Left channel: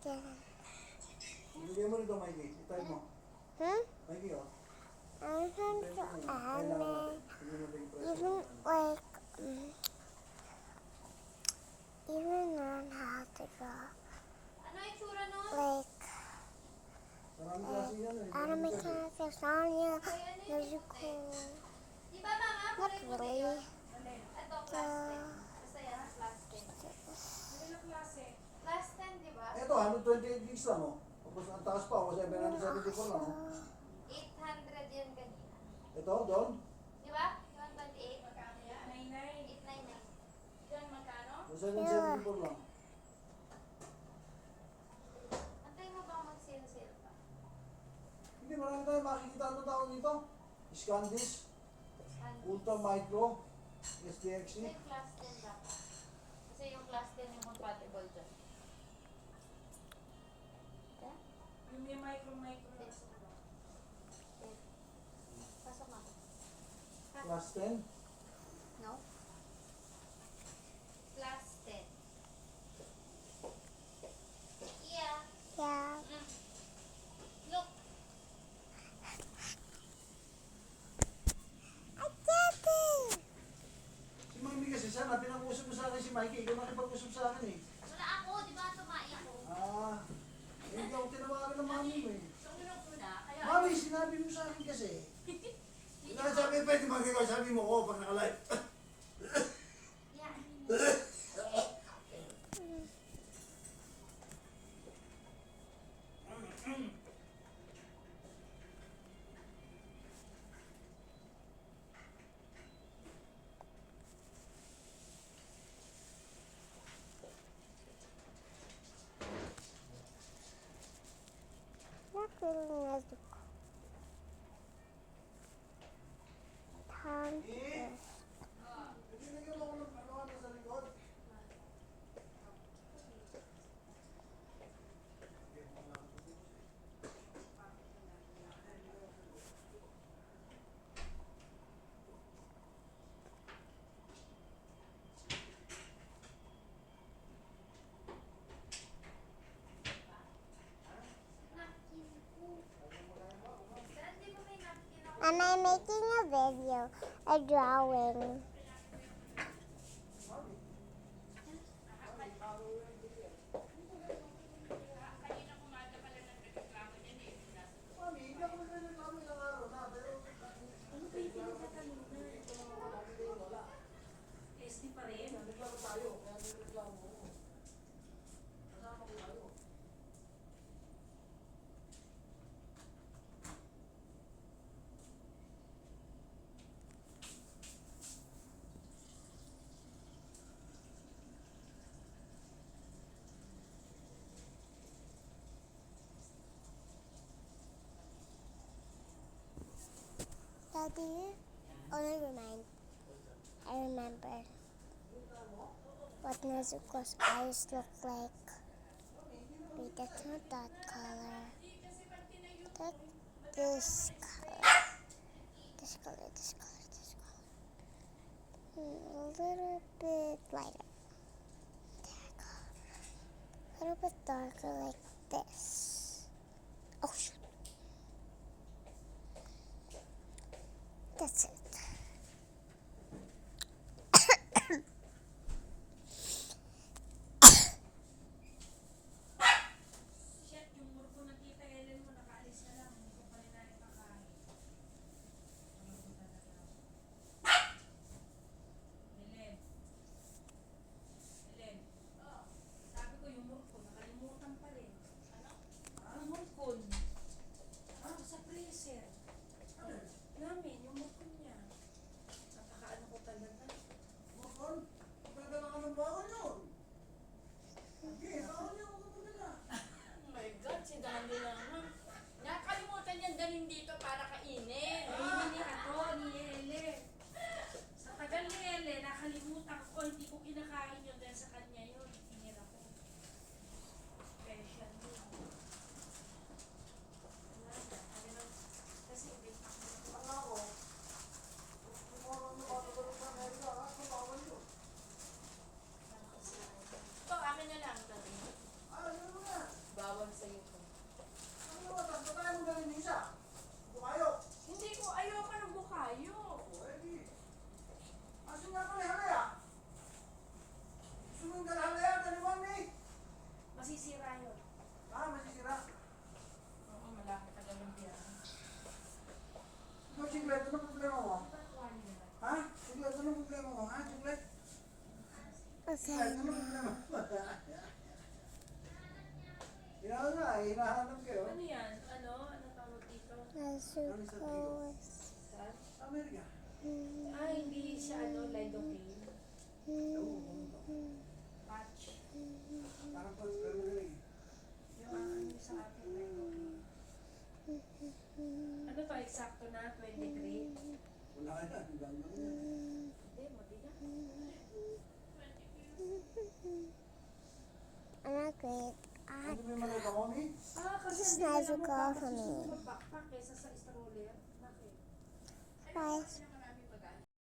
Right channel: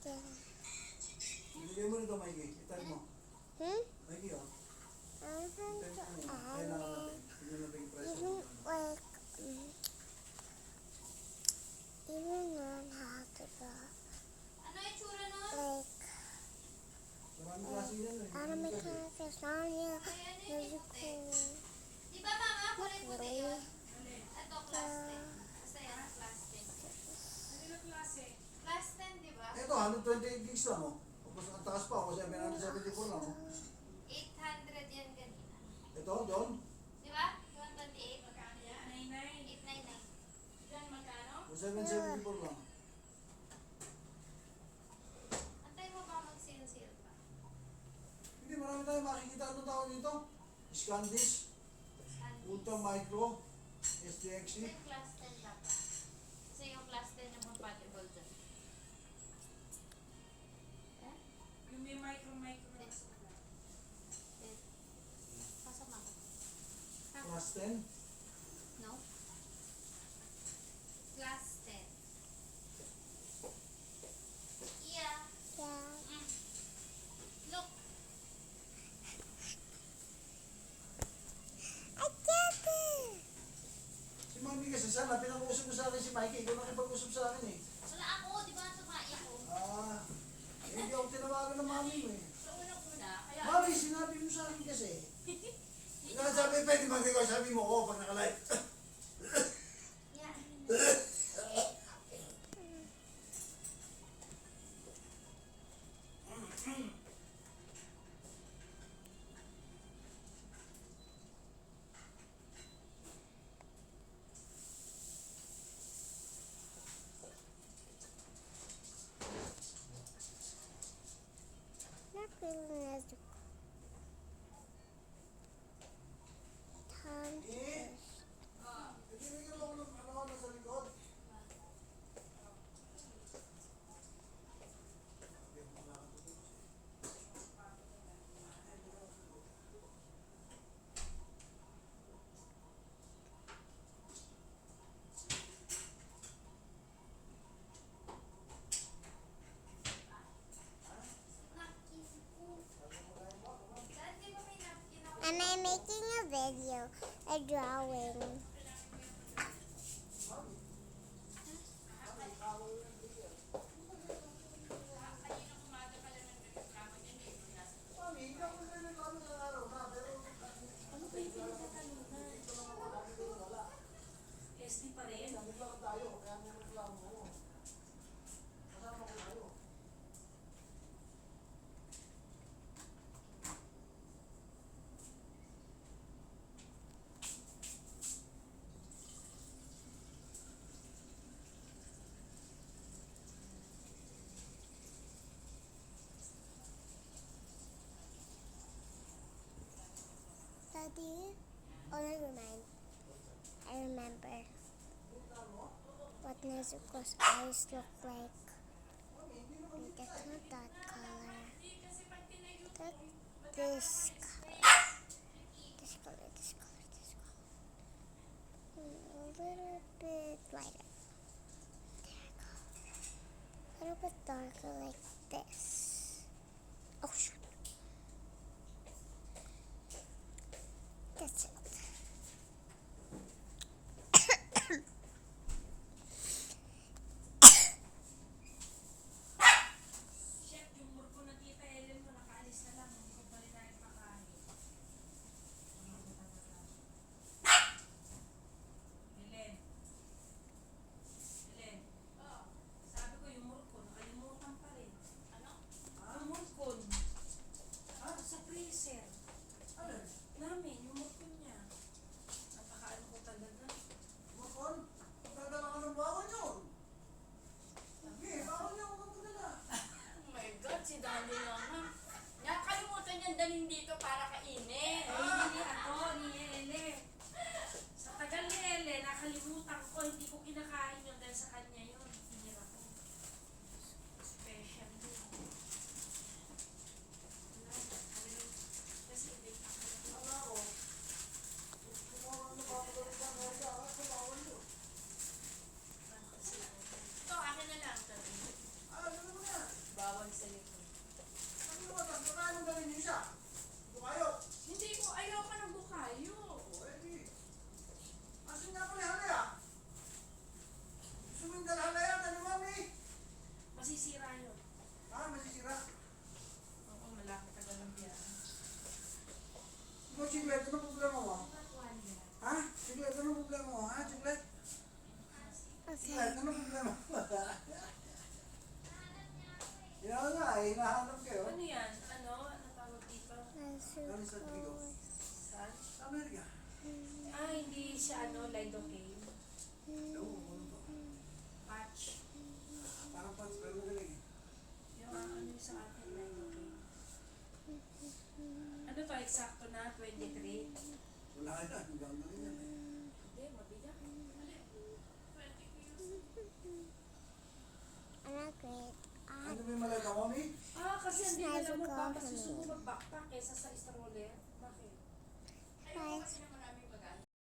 Ilagay mo rito, Mikey. Itay mo. Mikey, oh. I want to add even like even on how to go like Marami klase yan, eh. anime characters Sonya musical not really so Ito, 128 gigs lang, oh. Tapos ang taas pa, kasi 774 lang, oh. 800 yan kanina. Ito, John. Di ba? 128? 899. Yan magkano? 774 lang. Antay mo bang mag-sale-sale pa? Hindi, marami tayong makikita ano tao dito. Scandish, Ultra Micro, SDXC. May class 10 lang. Kasi yung class 10 yung compatible dyan. Yung may micro. Pasok na. Class 10. No? Class 10. Yeah. yeah Look. I did it Si Mami kasi sana, pinag-usap mo sa akin si Mikey. Ikaw nakipag-usap sa akin, eh. Wala ako, di ba? Tumain ko. Ah, hindi ako tinawagan ng mami mo, eh. So, unang-una, kaya Mami, sinabi mo sa akin kasi. Ikaw sabi, pwede mag-ikaw, sabi mo, oh, pag nakalive. Yeah. not really musical time to Bibigyan mo ako ng ano sa likod. and I'm making a video, a drawing. Mami, hindi ako nagreklamo ng araw na, pero ano ba yung pinagkatanong na? SD pa rin. nagreklamo tayo, kaya nagreklamo ko. Kasama ko tayo. Daddy, I remember what Nezuko's eyes look like. Wait, that's not that color. That's this color. This color, this color, this color. A little bit lighter. There we go. A little bit darker like this. Oh shoot. That's it. Shit, yung murko na kita, Ellen mo, nakaalis na lang. Hindi ko pa rin na ipakain. Ellen. Sabi ko yung murko, nakalimutan pa rin. Ano? Yung murkon. Ay, ano problema ba? Yan nga, hinahanap kayo. Ano yan? Ano? Ano tawag dito? Nasukos. Saan? Amerika. Ah, hindi siya lidocaine. Oo, ano ba? Patch. Parang pats, pero galing. Yung ano sa atin, lidocaine. Ano to? Eksakto na? 23? Wala yan, hanggang ganyan. Hindi, mabigat. Ano great? Ano ba yung malay ka, mami? Ah, kasi It's hindi nice nila to go magpapasok for me. sa backpack kesa sa stroller.